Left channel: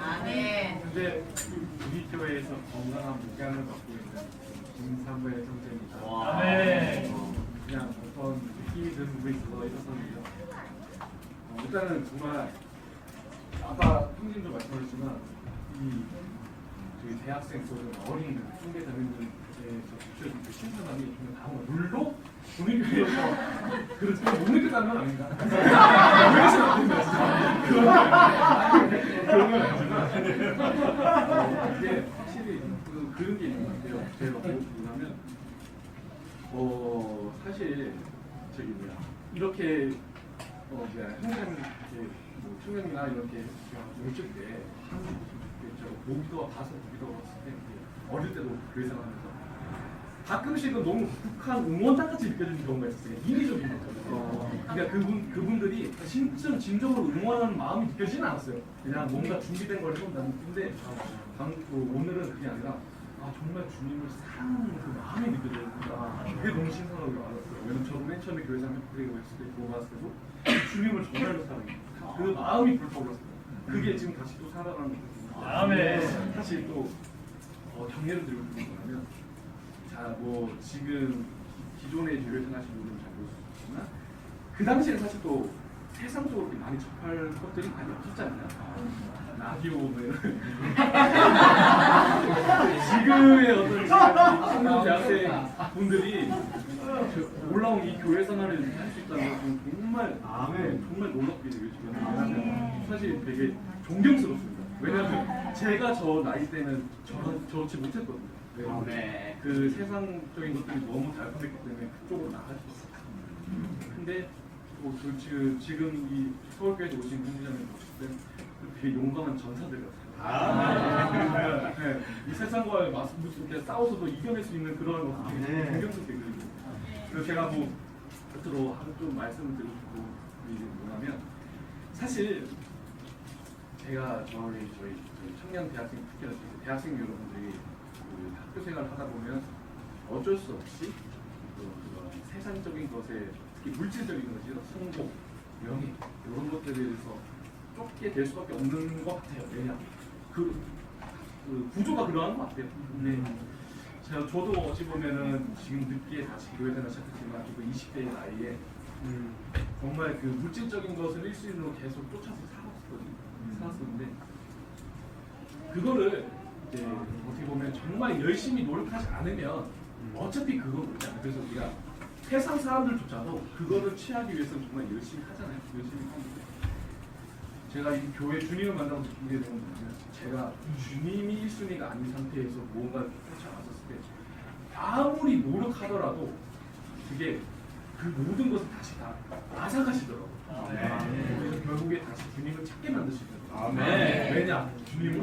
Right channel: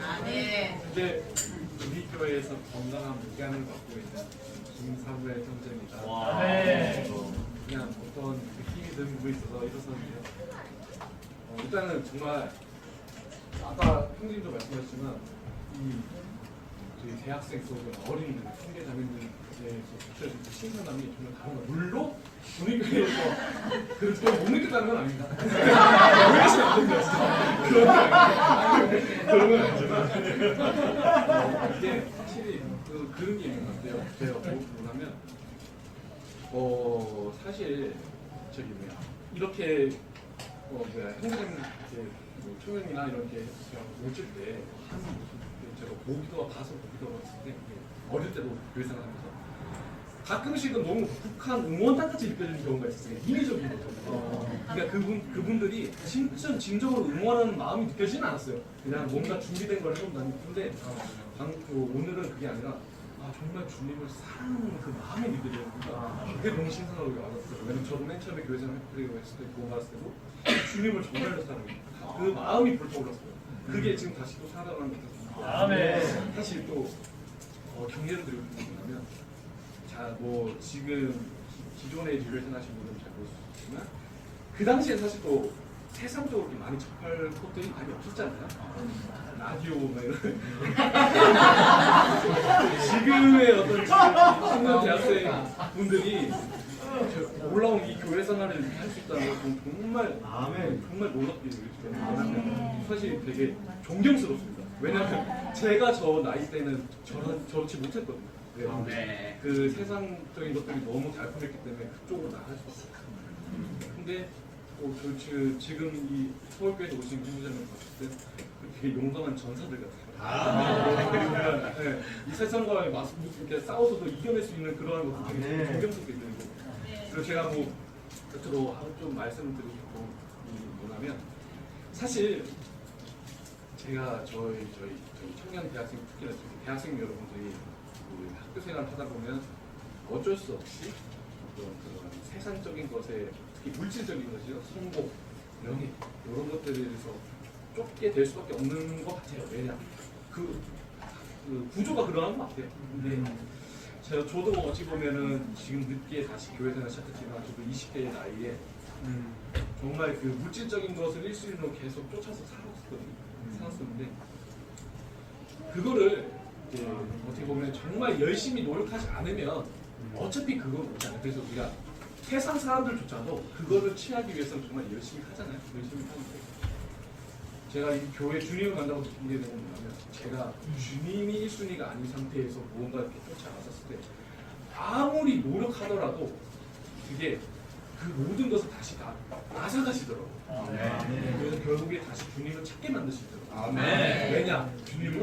아멘. 이제 우리 교회에서 건강한 목양을 갖고 있는 김사무엘 선생입니다. 아멘. 그냥 어떤 힘이 들고 있어서 일어섰는데요. 일단은 정말 아까 형님도 말씀하셨지만 이 저희 대학생 또는 어린 형제 자매님께서 주셔진 그 신선함이 정말 다른 물로 우리 교회에서 그렇죠. 못 느꼈다는 건 아닙니다. 그러시면 안 됩니다. 그런 건 아니지만 근데 확실히 그런 게 있는 것 같아요. 제가 보면 사실 저기 뭐야 이렇게 총회이나 이렇게 모칠 때 모기도와 가서 모기도가 왔을 때 어릴 때도 교회 생활하면서 가끔씩은 너무 북한 응원단같이 느껴지는 경우가 있었어요. 인위적인 거죠. 그러니까 그분들이 진짜 진정으로 응원하는 마음이 느껴지진 않았어요. 그냥 뭔가 준비된 걸 해본다는 느낌인데 오늘은 그게 아니라 정말 주님을 사랑하는 그 마음이 느껴져요. 그게 너무 신선하게 알았어요. 왜냐면 저도 맨 처음에 교회 생활을 했을 때 그거 봤을 때도 주님을 정말로 사랑해요. 그 마음이 불타올랐어요. 그게 지금 다시 또 살아나는 거거든요. 아멘. 사실 또 경례를 드리고 싶으면 지금 기존의 교회 생활하신 분들은 잘 모를 수 있지만 그 당시에 사실 또 세상적으로 많이 접할 것들이 많이 없었잖아요. 라디오 뭐 이런 지금의 어떤 청년 대학생 분들이 올라온 이 교회 생활을 할 수 있다는 것은 정말 놀랍게 느껴요. 사실 되게 존경스럽습니다. 왜냐하면 제가 저 나이 때는 저렇지 못했거든요. 그 세상적인 것들이 너무 잘 풀렸기 때문에 그쪽으로 나갈 수밖에 없어요. 근데 또 지금 이 서울교회에 오신 공부자님 봤을 때 되게 용감한 전사들 같아요. 네. 이 세상과 이렇게 싸워서도 이겨낼 수 있는 그런 것도 되게 존경스럽게 느껴요. 그리고 제가 끝으로 좀 말씀을 드리고 싶은 게 뭐냐면 사실 제가 저희 청년 대학생 특히나 대학생 여러분들이 학교 생활을 하다 보면 어쩔 수 없이 그런 세상적인 것에 특히 물질적인 것이요 성공, 명예 이런 것들에 대해서 쫓게 될 수밖에 없는 것 같아요. 왜냐 그 구조가 그러한 것 같아요. 근데 저도 어찌 보면은 지금 늦게 다시 교회 생활 시작했지만 저도 20대의 나이에 정말 그 물질적인 것을 일시로 계속 쫓아서 살았었는데 그거를 이제 어떻게 보면 정말 열심히 노력하지 않으면 어차피 그건 없지 않아요. 그래서 우리가 세상 사람들조차도 그거를 취하기 위해서는 정말 열심히 하잖아요. 열심히 하는데 제가 이 교회 주님을 만나고 느끼게 되는 거는 제가 주님이 1순위가 아닌 상태에서 무언가를 쫓아왔었을 때 아무리 노력하더라도 그게 그 모든 것을 다시 다 앗아가시더라고요. 그래서 결국에 다시 주님을 찾게 만드시더라고요. 왜냐? 주님은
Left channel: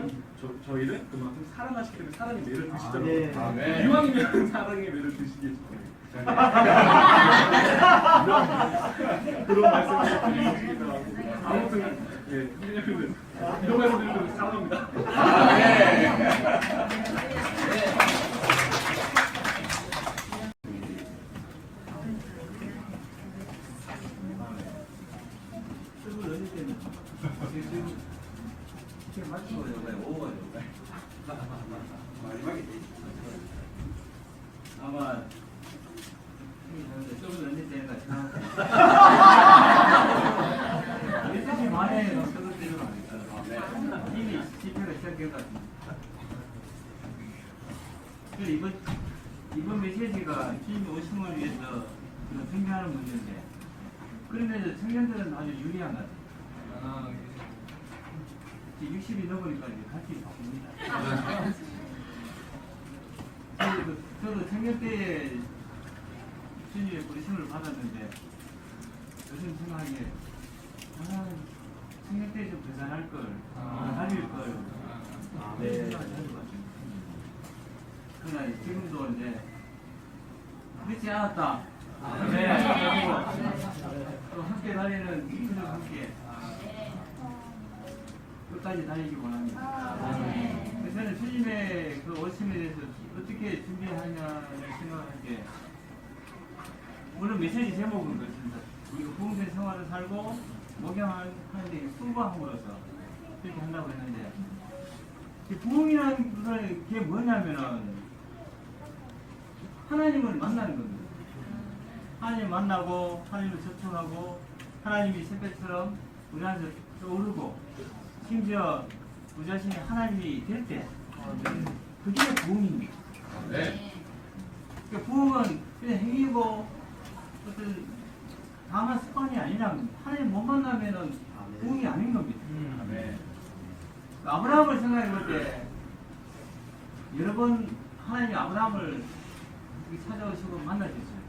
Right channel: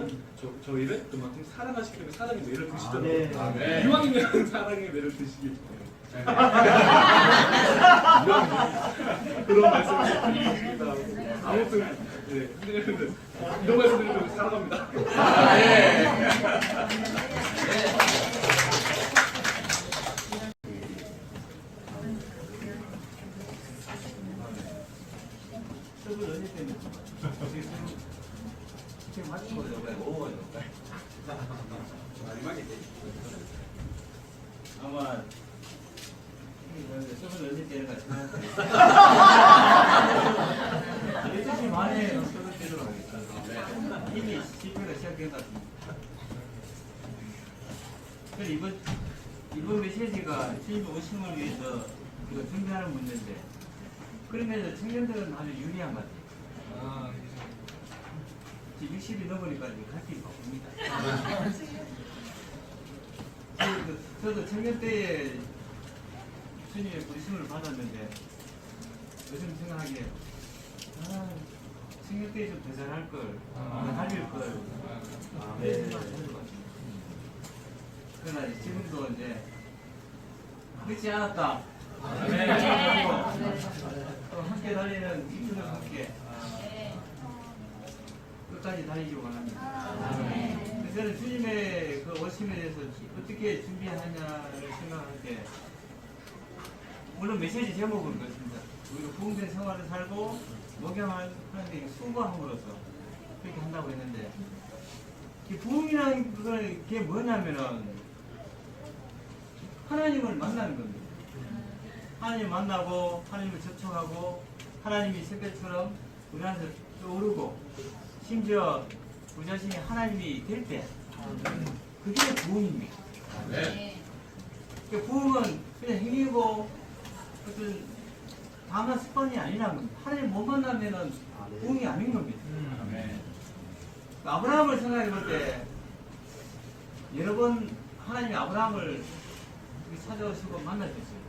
저희를 그만큼 사랑하시기 때문에 사랑의 매를 드시더라고요. 이왕이면 사랑의 매를 드시길 그런 말씀을 드리겠습니다. 아무튼 선생님들 이런 말씀 드리면 사랑합니다. 아마 수업을 넣을 때가 지금 만에 수업을 때로 이미 집회가 시작된 것 같습니다. 그래서 이번 메시지가 시민 50을 위해서 이거 준비하는 문제인데 그러면서 청년들은 아주 유리한 것 같아요. 60이 넘으니까 갈 길이 바쁩니다. 저도 청년 때에 주님의 부르심을 받았는데 요즘 생각하기에 청년 때 좀 더 잘할 걸, 더 달릴 걸 그러나 지금도 이제 늦지 않았다. 함께 달리는 민족 함께 끝까지 달리기 원합니다. 그래서 저는 주님의 그 오심에 대해서 어떻게 준비하냐를 생각할 때 물론 메시지 제목은 그렇습니다. 우리가 부흥된 생활을 살고 목욕 존경하는데 수고함으로써 그렇게 한다고 했는데 이 부흥이라는 게 뭐냐면은 하나님을 만나는 겁니다. 하나님 만나고 하나님을 접촉하고 하나님이 새벽처럼 우리 안에서 오르고 심지어 우리 자신이 하나님이 될 때 그게 부흥입니다. 네. 그 부흥은 그냥 행위고 어떤 다만 습관이 아니라면 하나님 못 만나면은 부흥이 아닌 겁니다. 아브라함을 생각해 볼 때 여러 번 하나님이 아브라함을 찾아오시고 만나셨어요.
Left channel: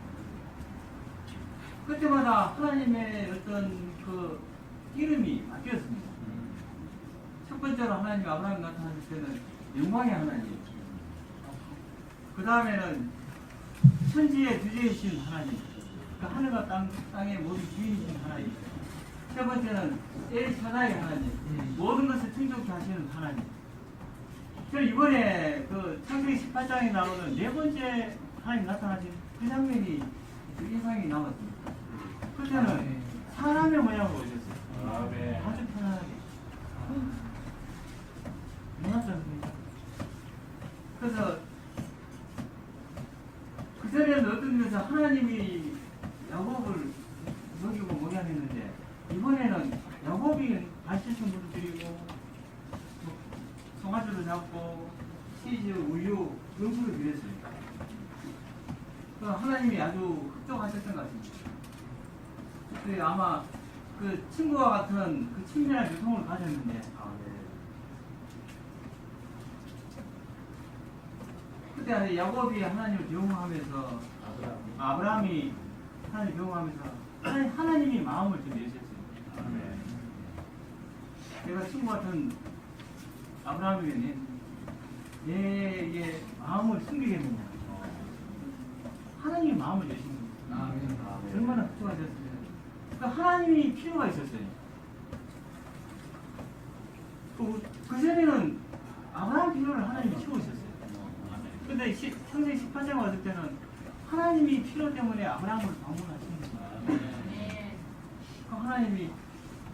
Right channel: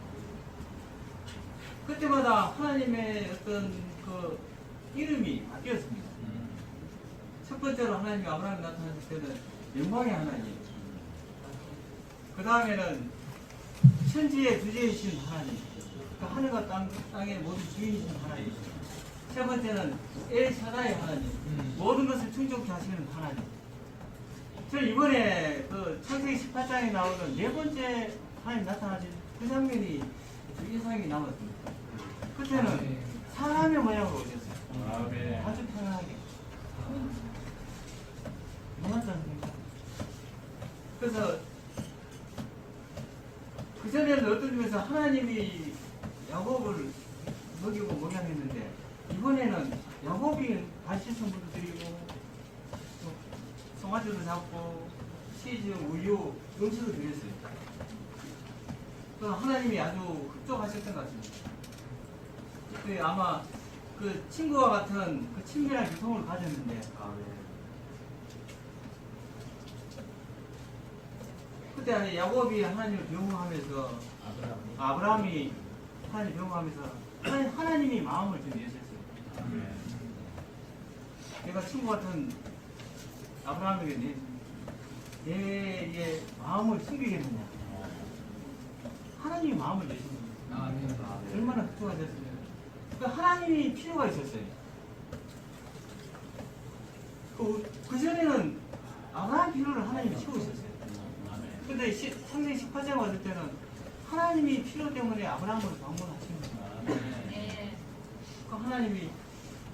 그때마다 하나님의 어떤 그 이름이 바뀌었습니다. 첫 번째로 하나님이 아브라함이 나타났을 때는 영광의 하나님. 그 다음에는 천지의 주제이신 하나님. 그러니까 하늘과 땅의 모든 주인이신 하나님. 세 번째는 엘샤다이 하나님. 모든 것을 충족케 하시는 하나님. 저는 이번에 그 창세기 18장에 나오는 네 번째 하나님 나타나신 그 장면이 인상이 남았습니다. 그때는 사람의 모양으로 오셨어요. 아주 편하게. 놀랍지 않습니까? 그래서 그 전에는 어떤 의미에서 하나님이 야곱을 먹이고 목양했는데 이번에는 야곱이 발실성부터 드리고 송아지도 잡고 치즈, 우유, 음식을 드렸어요. 그 하나님이 아주 흡족하셨던 것 같습니다. 그 아마 그 친구와 같은 그 친밀한 유통을 가졌는데 그때 야곱이 하나님을 배웅하면서 아브라함이 하나님을 배웅하면서 하나님이 마음을 좀 내셨어요. 내가 친구 같은 아브라함에게 내 마음을 숨기겠느냐. 하나님이 마음을 내신 겁니다. 얼마나 흡수가 됐으면. 그러니까 하나님이 필요가 있었어요. 그 전에는 아브라함 필요를 하나님이 채우셨어요. 근데 창세기 18장 왔을 때는 하나님이 필요 때문에 아브라함을 방문하시는 거예요. 하나님이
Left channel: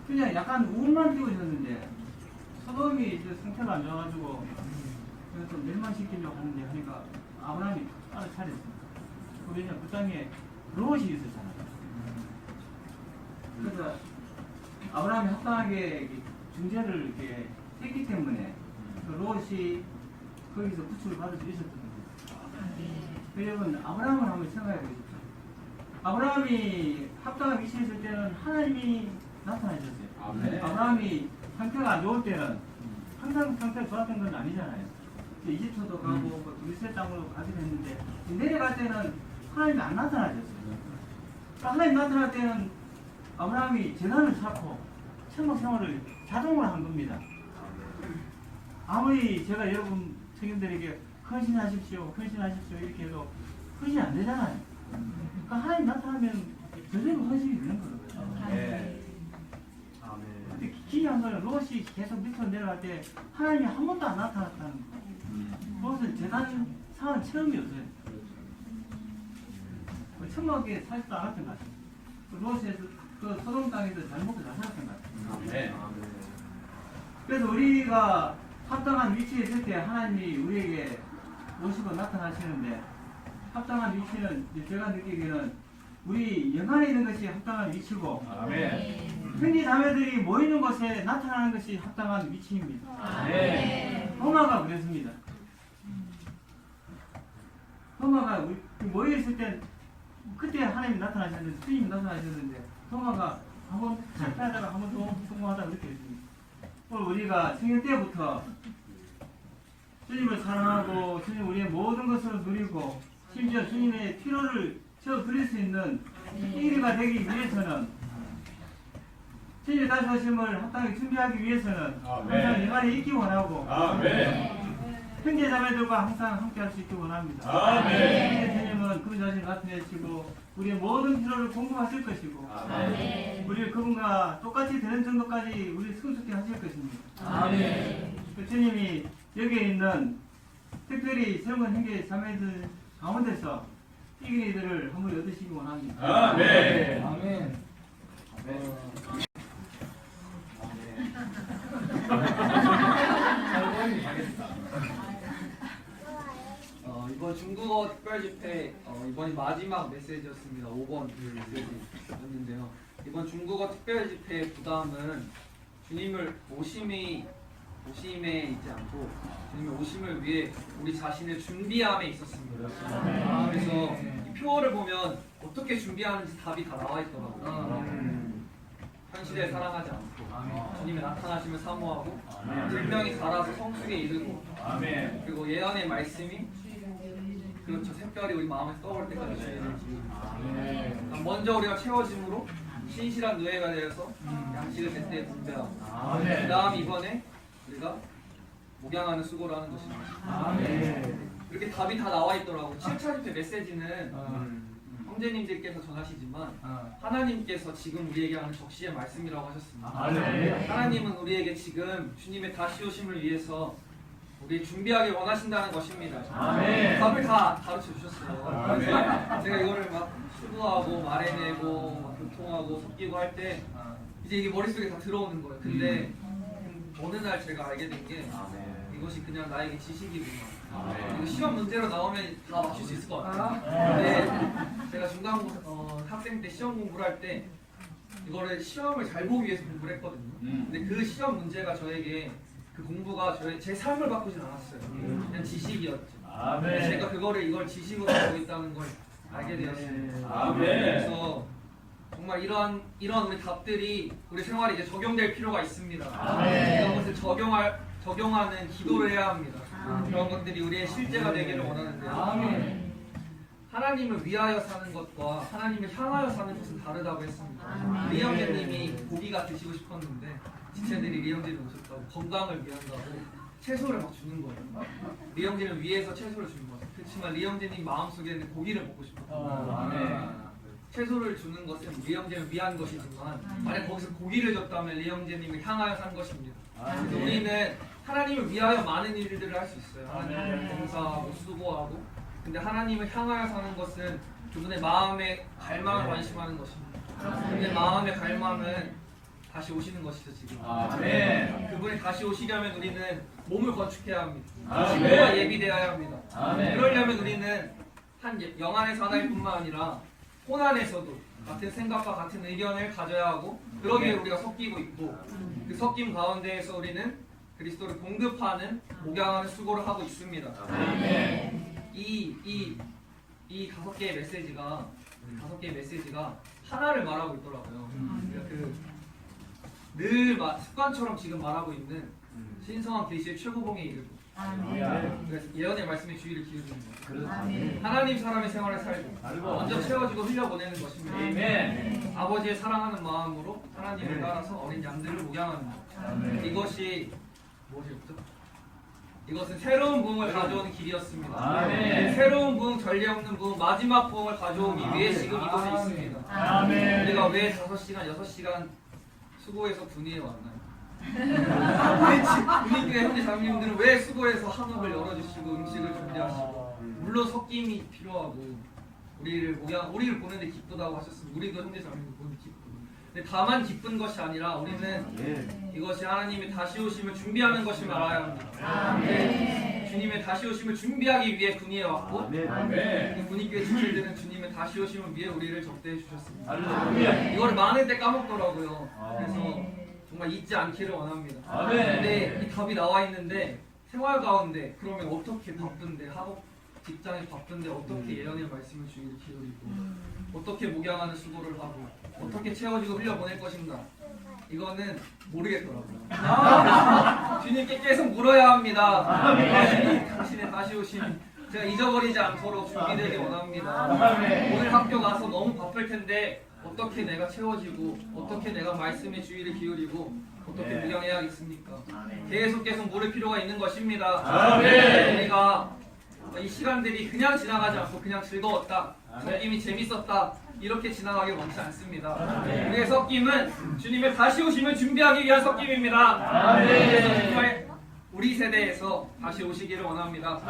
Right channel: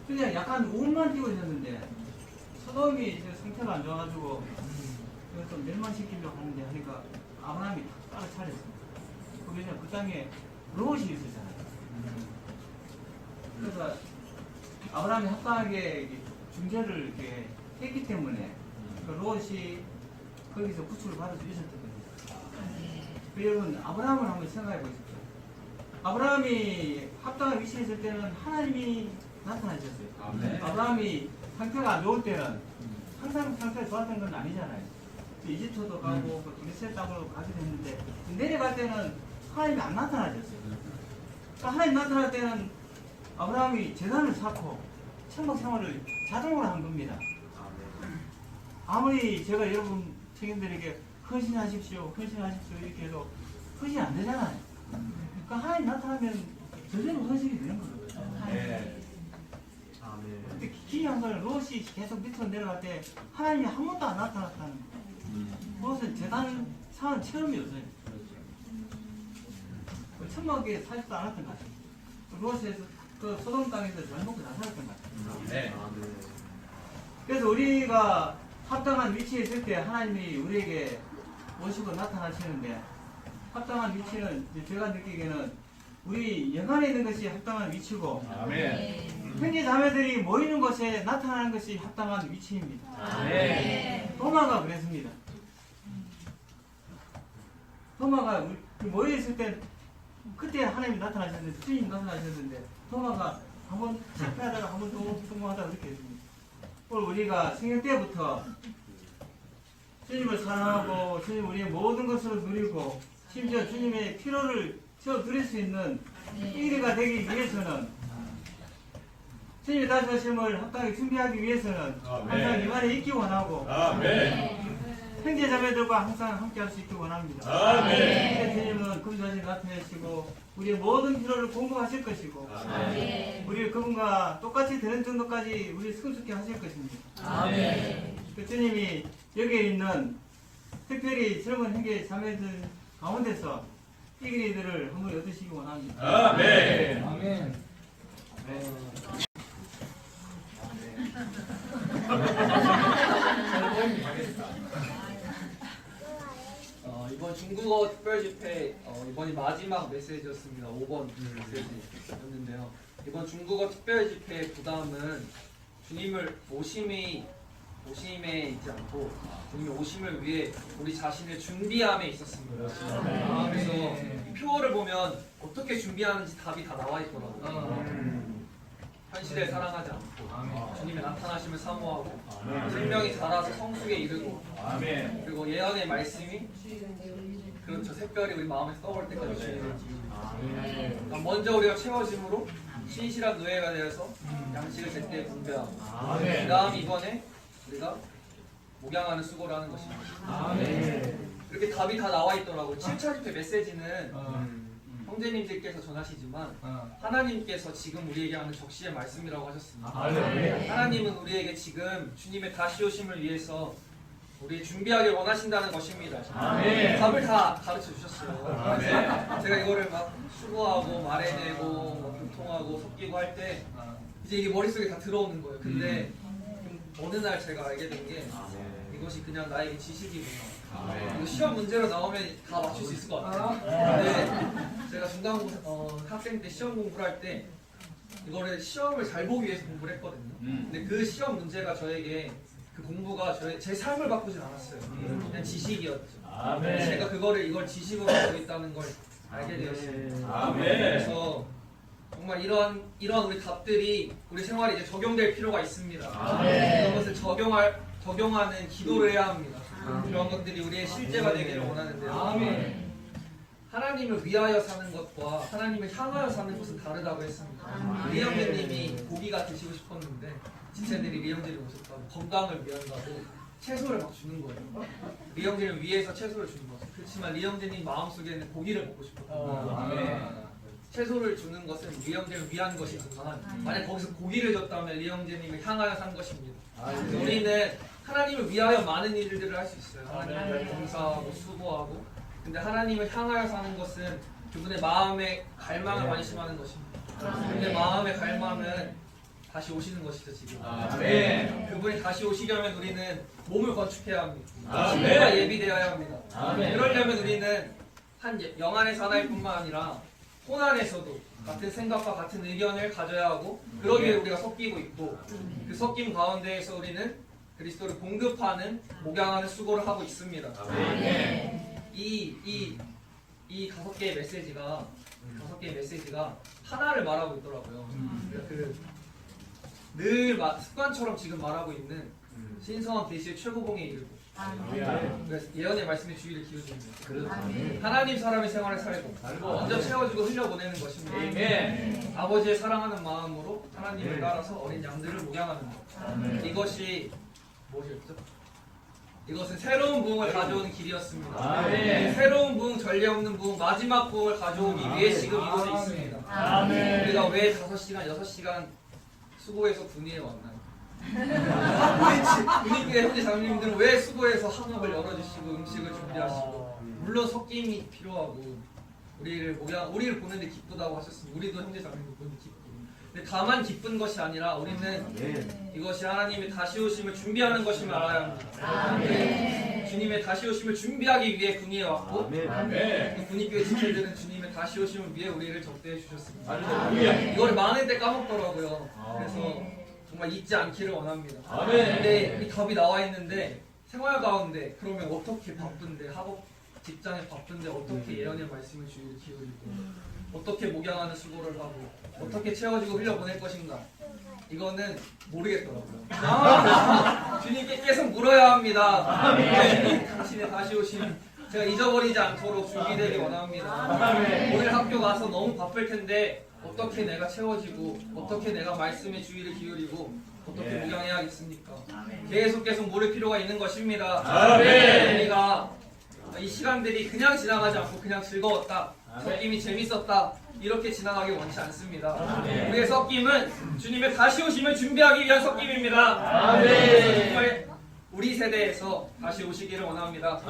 그냥 약간 운만 띄워졌는데 소돔이 상태가 안 좋아가지고 그래서 멸망시키려고 하는데 하니까 아브라함이 따로 차렸습니다. 우리는 그 땅에 롯이 있었잖아요. 그래서 아브라함이 합당하게 중재를 이렇게 했기 때문에 그 롯이 거기서 구출을 받을 수 있었던 겁니다. 여러분 아브라함을 한번 생각해 보십시오. 아브라함이 합당한 위치에 있을 때는 하나님이 나타나셨어요. 아브라함이 상태가 안 좋을 때는 항상 상태가 좋았던 건 아니잖아요. 이집트도 가고 그리스의 땅으로 가기도 했는데 내려갈 때는 하나님이 안 나타나셨어요. 하나님 나타날 때는 아브라함이 재산을 쌓고 천국 생활을 자동으로 한 겁니다. 아무리 제가 여러분 청년들에게 헌신하십시오 이렇게 해도 헌신이 안 되잖아요. 그러니까 하나님 나타나면 저절로 헌신이 되는 거예요. 근데 기이한 거는 롯이 계속 밑으로 내려갈 때 하나님이 한 번도 안 나타났다는 거예요. 롯은 재단 사는 처음이었어요. 천막에 사지도 않았던 것 같아요. 롯에서 그 소돔 땅에서 잘 먹고 잘 살았던 것 같아요. 그래서 우리가 합당한 위치에 있을 때 하나님이 우리에게 오시고 나타나시는데 합당한 위치는 제가 느끼기에는 우리 영안에 있는 것이 합당한 위치고 형제 자매들이 모이는 곳에 나타나는 것이 합당한 위치입니다. 도마가 그랬습니다. 도마가 모여있을 때 그때 하나님이 나타나셨는데 주님이 나타나셨는데 도마가 한번 실패하다가 한번 성공하다가 그렇게 됐습니다. 오늘 우리가 생일 때부터 주님을 사랑하고 주님 우리의 모든 것을 누리고 심지어 주님의 피로를 채워 드릴 수 있는 일이가 되기 위해서는 주님의 다시 오심을 합당하게 준비하기 위해서는 항상 이 말에 있기 원하고 형제 자매들과 항상 함께 할 수 있기 원합니다. 주님은 그분 자신을 나타내시고 우리의 모든 필요를 공급하실 것이고 우리 그분과 똑같이 되는 정도까지 우리 성숙케 하실 것입니다. 주님이 여기에 있는 특별히 젊은 형제 자매들 가운데서 이기이들을 한번 얻으시기 원합니다. 아멘. 이번 중국어 특별집회 이번이 마지막 메시지였습니다. 5번 메시지였는데요. 이번 중국어 특별집회의 부담은 주님을 오심에 있지 않고 주님의 오심을 위해 우리 자신을 준비함에 있었습니다. 그래서 이 표어를 보면 어떻게 준비하는지 답이 다 나와 있더라고요. 현실에 사랑하지 않고 주님의 나타나심을 사모하고 생명이 자라서 성숙에 이르고 그리고 예언의 말씀이 그렇죠. 색별이 우리 마음에 떠올 때까지 주의를 기울이고 먼저 우리가 채워짐으로 신실한 노예가 되어서 양식을 제때 분배하고 그 다음 이번에 우리가 목양하는 수고를 하는 것입니다. 이렇게 답이 다 나와 있더라고요. 7차 집회 메시지는 형제님들께서 전하시지만 하나님께서 지금 우리에게 하는 적시의 말씀이라고 하셨습니다. 하나님은 우리에게 지금 주님의 다시 오심을 위해서 우리 준비하길 원하신다는 것입니다. 답을 다 가르쳐 주셨어요. 제가 이거를 막 수고하고 말해내고 막 교통하고 섞이고 할 때 이제 이게 머릿속에 다 들어오는 거예요. 근데 어느 날 제가 알게 된 게 이것이 그냥 나에게 지식이구나. 이거 시험 문제로 나오면 다 맞출 수 있을 것 같아요. 근데 제가 중간고 학생 때 시험 공부를 할 때 이거를 시험을 잘 보기 위해서 공부를 했거든요. 근데 그 시험 문제가 저에게 그 공부가 제 삶을 바꾸진 않았어요. 그냥 지식이었죠. 제가 이걸 지식으로 알고 있다는 걸 알게 되었습니다. 그래서 정말 이런 우리 답들이 우리 생활에 이제 적용될 필요가 있습니다. 이런 것을 적용하는 기도를 해야 합니다. 그런 것들이 우리의 실제가 되기를 원하는데요. 하나님을 위하여 사는 것과 하나님을 향하여 사는 것은 다르다고 했습니다. 리형제님이 고기가 드시고 싶었는데 지체들이 리형제님 오셨다고 건강을 위한다고 채소를 막 주는 거예요. 리형제를 위해서 채소를 주는 거죠. 그렇지만 리형제님 마음속에는 고기를 먹고 싶었거든요. 채소를 주는 것은 리형제를 위한 것이지만 만약 거기서 고기를 줬다면 리형제님을 향하여 산 것입니다. 그래서 우리는 하나님을 위하여 많은 일들을 할 수 있어요. 하나님을 봉사하고 수고하고. 근데 하나님을 향하여 사는 것은 그분의 마음의 갈망을 관심하는 것입니다. 그분의 마음의 갈망은 다시 오시는 것이죠 지금. 그분이 다시 오시려면 우리는 몸을 건축해야 합니다. 지금과 예비되어야 합니다. 그러려면 우리는 한 영안에서 하나일 뿐만 아니라 혼안에서도 같은 생각과 같은 의견을 가져야 하고 그러기 위해 우리가 섞이고 있고 그 섞임 가운데에서 우리는 그리스도를 공급하는 목양하는 수고를 하고 있습니다. 이 5개의 메시지가 하나를 말하고 있더라고요. 늘 습관처럼 지금 말하고 있는 신성한 계시의 최고봉에 이르고 그래서 예언의 말씀에 주의를 기울입니다. 하나님 사람의 생활을 살고 먼저 채워주고 흘려보내는 것입니다. 아버지의 사랑하는 마음으로 하나님을 따라서 어린 양들을 목양하는 것. 이것이 무엇이었죠? 이것은 새로운 부흥을 가져오는 길이었습니다. 새로운 부흥, 전례 없는 부흥, 마지막 부흥을 가져오기 위해 지금 이곳에 있습니다. 우리가 왜 5시간, 6시간 수고해서 군위에 왔나요? 우리 교회 형제 자매님들은 왜 수고해서 한옥을 열어주시고 음식을 준비하시고 물론 섞임이 필요하고 우리를 보는데 기쁘다고 하셨습니다. 우리도 형제 자매님들 보는데 기쁘고 근데 다만 기쁜 것이 아니라 우리는 이것이 하나님의 다시 오심을 준비하는 것임을 알아야 합니다. 주님의 다시 오심을 준비하기 위해 군위에 왔고 군위교회 지체들은 주님의 다시 오심을 위해 우리를 접대해 주셨습니다. 이거를 많을 때 까먹더라고요. 그래서 정말 잊지 않기를 원합니다. 근데 이 답이 나와 있는데 생활 가운데 그러면 어떻게 바쁜데 학업 직장에 바쁜데 어떻게 예언의 말씀을 주의를 기울이고 어떻게 목양하는 수고를 하고 어떻게 채워주고 흘려보낼 것인가 이거는 모르겠더라고요. 주님께 계속 물어야 합니다. 주님 당신의 다시 오심 제가 잊어버리지 않도록 준비되기 원합니다. 오늘 학교 가서 너무 바쁠 텐데 어떻게 내가 채워지고 어떻게 내가 말씀에 주의를 기울이고 어떻게 목양해야겠습니까? 계속 물을 필요가 있는 것입니다. 우리가 이 시간들이 그냥 지나가지 않고 그냥 즐거웠다 섞임이 재밌었다 이렇게 지나가기 원치 않습니다. 우리의 섞임은 주님의 다시 오심을 준비하기 위한 섞임입니다. 정말 우리 세대에서 다시 오시기를 원합니다.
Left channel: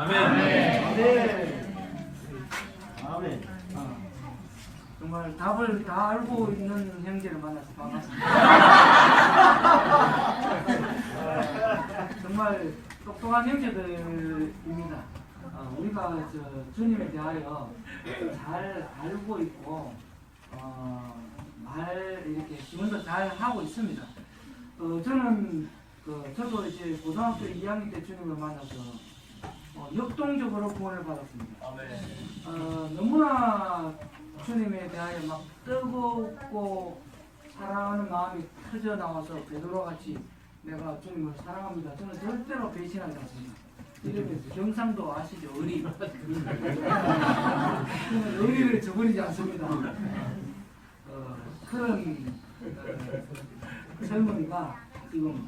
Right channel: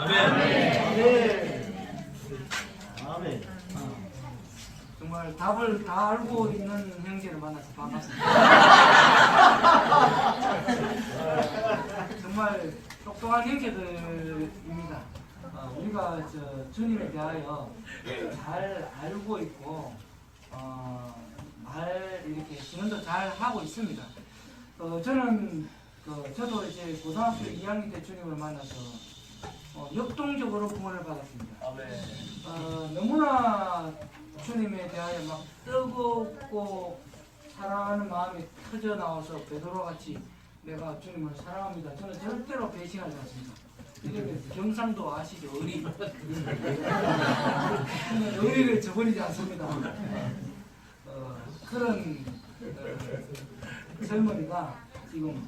정말 답을 다 알고 있는 형제를 만나서 반갑습니다. 또한 형제들입니다. 우리가 주님에 대하여 잘 알고 있고 말 이렇게 지원도 잘 하고 있습니다. 저는 저도 이제 고등학교 2학년 때 주님을 만나서 역동적으로 구원을 받았습니다. 너무나 주님에 대하여 막 뜨겁고 사랑하는 마음이 터져 나와서 베드로 같이 내가 주님을 사랑합니다. 저는 절대로 배신하지 않습니다. 이렇게 경상도 아시죠? 의리. 저는 의리를 저버리지 않습니다. 그런 젊은이가 지금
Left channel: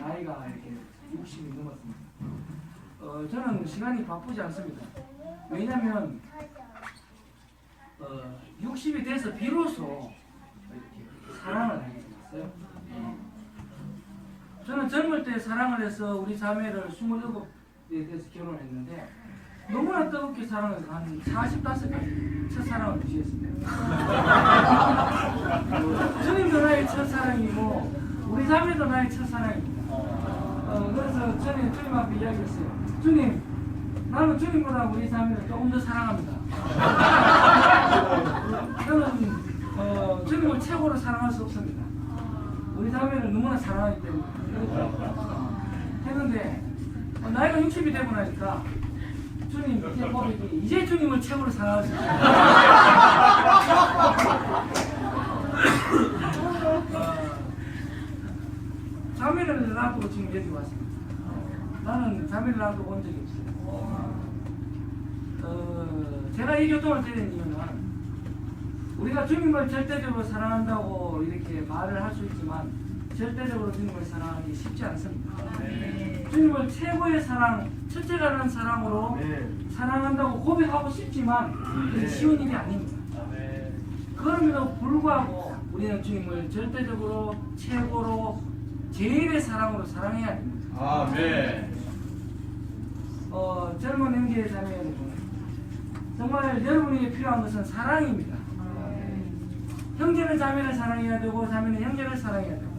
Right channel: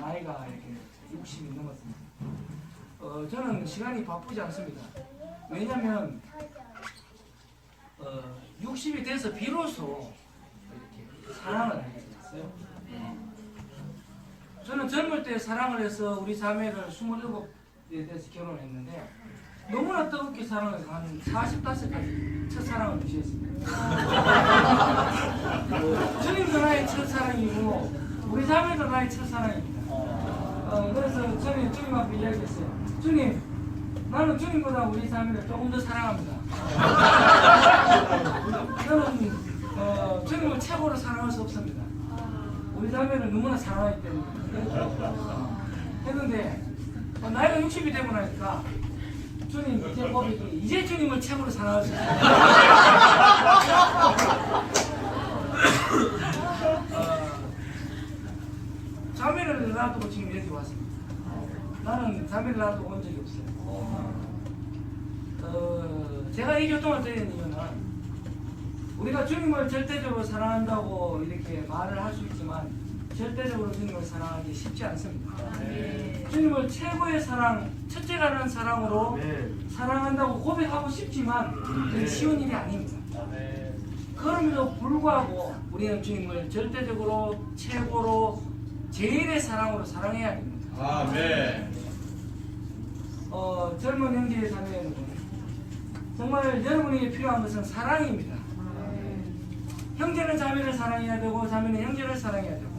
나이가 이렇게 60이 넘었습니다. 저는 시간이 바쁘지 않습니다. 왜냐하면 60이 돼서 비로소 이렇게 사랑을 하게 됐어요. 저는 젊을 때 사랑을 해서 우리 자매를 27에 대해서 결혼했는데 너무나 뜨겁게 사랑해서 한 45까지 첫사랑을 유지했습니다. 주님도 나의 첫사랑이고 우리 자매도 나의 첫사랑입니다. 그래서 저는 주님 앞에 이야기했어요. 주님, 나는 주님보다 우리 자매를 조금 더 사랑합니다. 저는 주님을 최고로 사랑할 수 없습니다. 우리 자매를 너무나 사랑하기 때문에 했는데 나이가 60이 되고 나니까 주님 이제 고백이 이제 주님을 최고로 사랑할 수 있어요. 자매를 놔두고 지금 여기 왔습니다. 나는 자매를 놔두고 온 적이 없어요. 제가 이 교통을 드리는 이유는 우리가 주님을 절대적으로 사랑한다고 이렇게 말을 할 수 있지만 절대적으로 주님을 사랑하기 쉽지 않습니다. 주님을 최고의 사랑, 첫째가는 사랑으로 사랑한다고 고백하고 싶지만 그게 쉬운 일이 아닙니다. 그럼에도 불구하고 우리는 주님을 절대적으로 최고로 제일의 사랑으로 사랑해야 됩니다. 젊은 형제의 자매 여러분, 정말 여러분에게 필요한 것은 사랑입니다. 형제는 자매를 사랑해야 되고 자매는 형제를 사랑해야 되고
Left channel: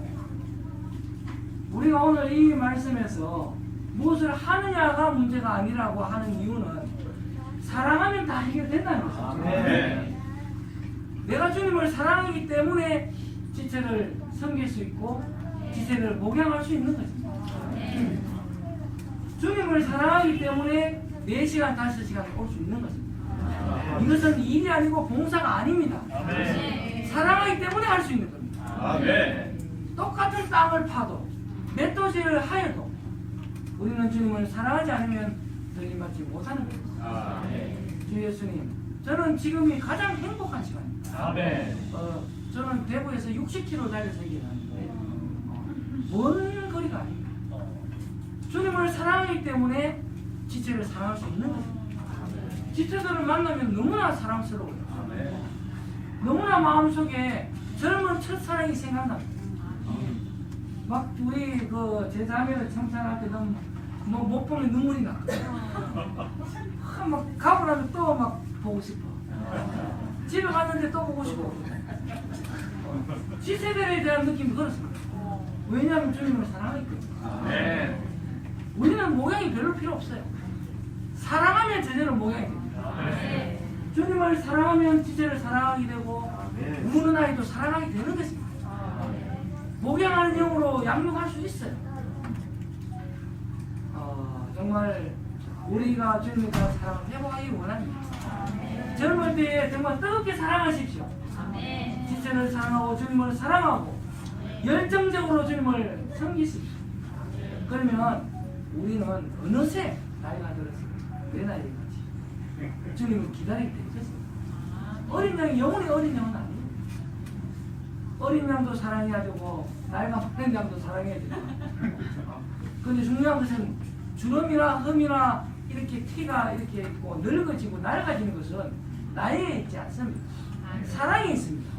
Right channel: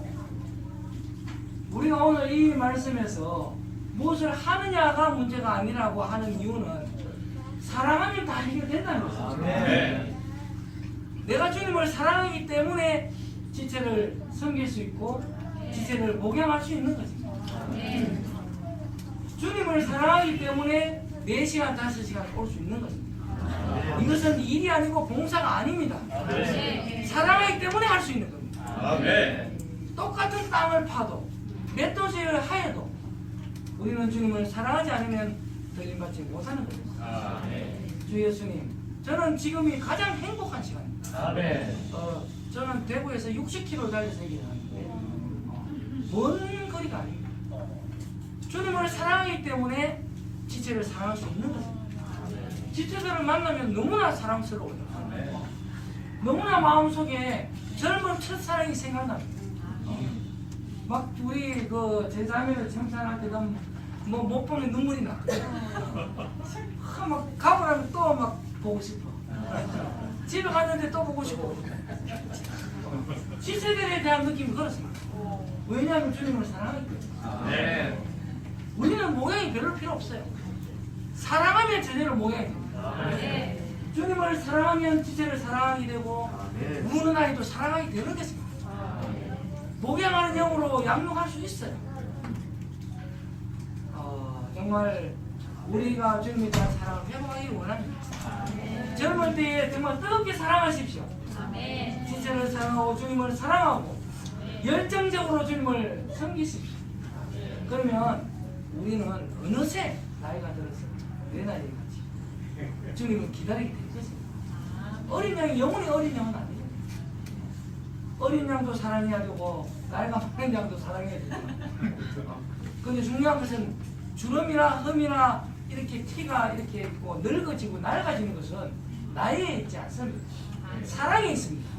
우리가 오늘 이 말씀에서 무엇을 하느냐가 문제가 아니라고 하는 이유는 사랑하면 다 해결된다는 것입니다. 내가 주님을 사랑하기 때문에 지체를 섬길 수 있고 지체를 목양할 수 있는 것입니다. 주님을 사랑하기 때문에 4시간, 5시간 올 수 있는 것입니다. 이것은 일이 아니고 봉사가 아닙니다. 사랑하기 때문에 할 수 있는 겁니다. 똑같은 땅을 파도 몇 도시를 하여도 우리는 주님을 사랑하지 않으면 더 일맞지 못하는 겁니다. 주 예수님, 저는 지금이 가장 행복한 시간입니다. 저는 대구에서 60km 달려서 여기 왔는데 먼 거리가 아닙니다. 주님을 사랑하기 때문에 지체를 사랑할 수 있는 것입니다. 지체들을 만나면 너무나 사랑스러워요. 너무나 마음속에 젊은 첫사랑이 생각납니다. 막 우리 제 자매를 칭찬할 때 너무 못 보면 눈물이 나. 막 가고 나면 또 막 보고 싶어. 집에 갔는데 또 보고 싶어. 지체들에 대한 느낌이 그렇습니다. 왜냐하면 주님을 사랑하기 때문에. 우리는 모양이 별로 필요 없어요. 사랑하면 제대로 모양이 됩니다. 주님을 사랑하면 지체를 사랑하게 되고 우는 아이도 사랑하게 되는 것입니다. 목양하는 영으로 양육할 수 있어요. 정말 우리가 주님에 대한 사랑을 회복하기를 원합니다. 젊을 때에 정말 뜨겁게 사랑하십시오. 지체를 사랑하고 주님을 사랑하고 열정적으로 주님을 섬기십시오. 그러면 우리는 어느새 나이가 들어서 내 나이에 같이 주님을 기다리게 될 것입니다. 어린 양이 영원히 어린 양은 아니에요. 어린 양도 사랑해야 되고 나이가 많은 양도 사랑해야 되고 그런데 중요한 것은 주름이나 흠이나 이렇게 티가 이렇게 있고 늙어지고 낡아지는 것은 나이에 있지 않습니다. 사랑에 있습니다.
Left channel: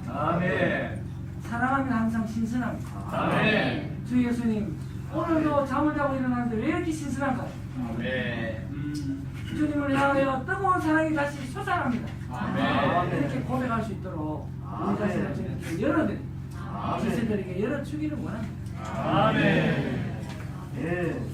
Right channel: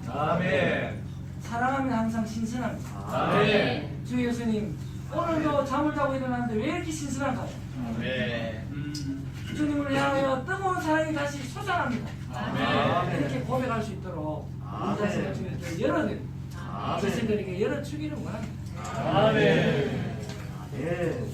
사랑하면 항상 신선합니다. 주 예수님, 오늘도 잠을 자고 일어났는데 왜 이렇게 신선한가요? 주님을 향하여 뜨거운 사랑이 다시 솟아납니다. 이렇게 고백할 수 있도록 우리 자신을 주님께 열어드립니다. 제자들에게 열어주기를 원합니다.